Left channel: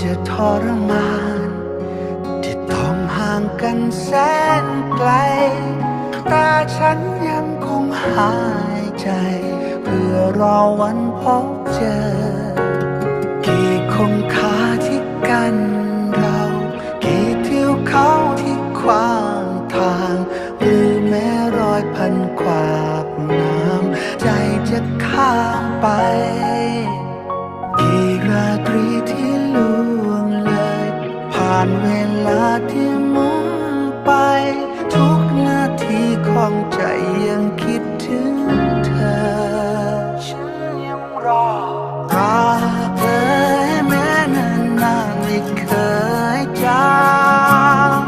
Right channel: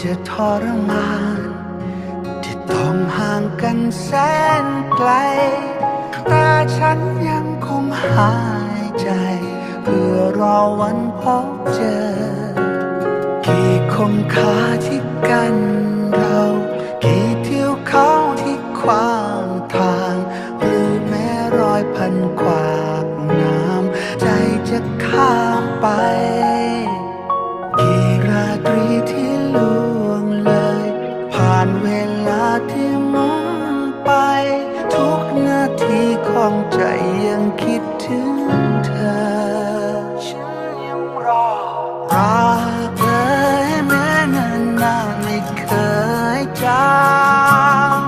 จะทรมาน ที่ต้องห่างกันแสนไกล แต่ฉันยังคงหายใจ เพื่อรอวันพบเจอ กี่คงคาที่กันเรา กี่เที่ยวเขาที่ขวางทาง หรือแม้รอยพันขวากน้ำใจจะข้ามไป ราตรีที่ล่วงเลย ผ่านเวลาที่มุนไป ทุกนาทีของใจยังคิดถึงเธอ ฉันยังรอรักเอ่ยแม้นานนานไม่เคยจาง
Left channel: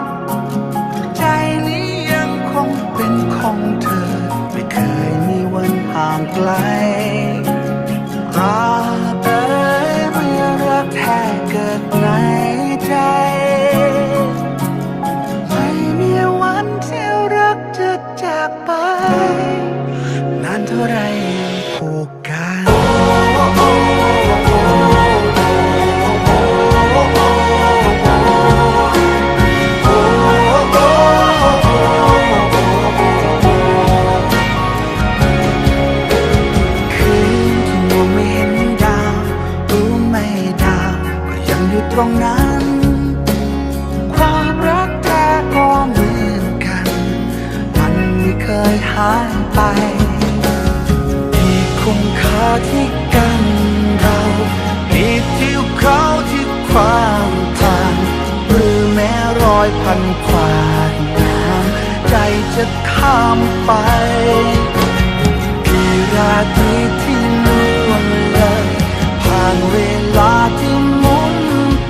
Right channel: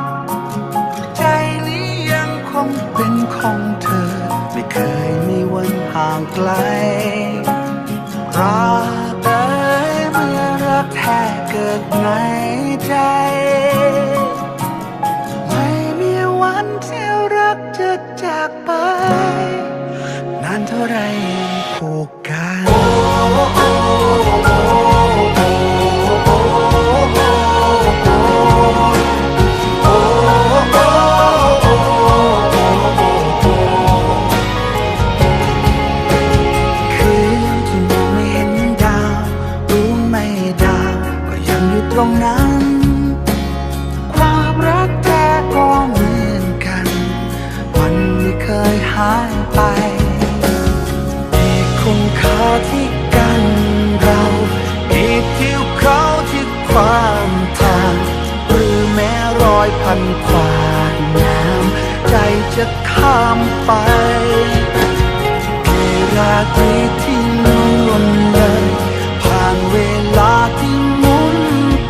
ใจนี้ยังคงเป็นของเธอ ไม่เคยมีวันห่างไกลรักเอ่ยเมื่อากในใจ ไม่มีวันที่รักจะจากไป นานเท่าไรยังผูก ตรงนั้น ความรักแท้ก็เหมือนกัน มันไม่เคยหายไปกี่คงคาที่กันเรากี่ทิวเขาที่ความทาง หรือแม้รอยพันขวากน้ำใจจะข้ามไปกี่ราตรีที่ล่วงเลย ผ่านเวลาที่